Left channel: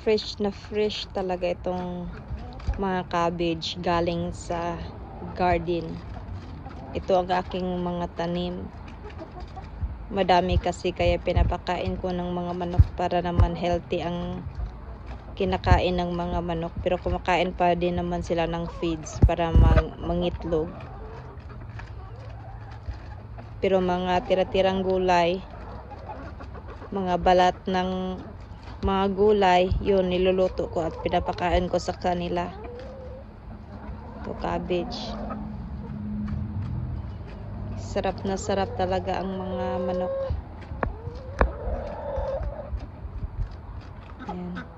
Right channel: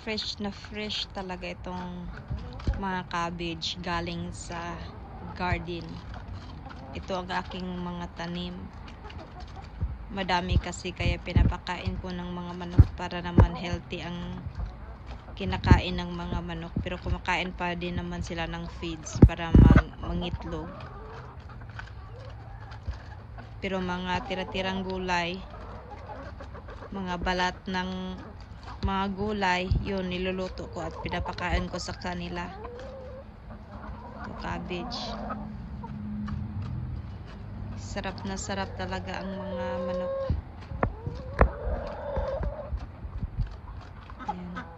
fresh talaga itong mga cabbage galing sa garden. Ito ang aking mga tanim. Madami kasi kaya pinapakain ko ng mga manok para naman healthy ang kinakain ng mga manok. Pero kumakain pa din naman sila ng feeds para mangitlog. Pero mga tira-tirang gulay, mga balat ng mga gulay, yun niluluto ko at pinapakain ko sa kanila. Ito cabbage. Sarap na sarap talaga ang mga manok. Ayan.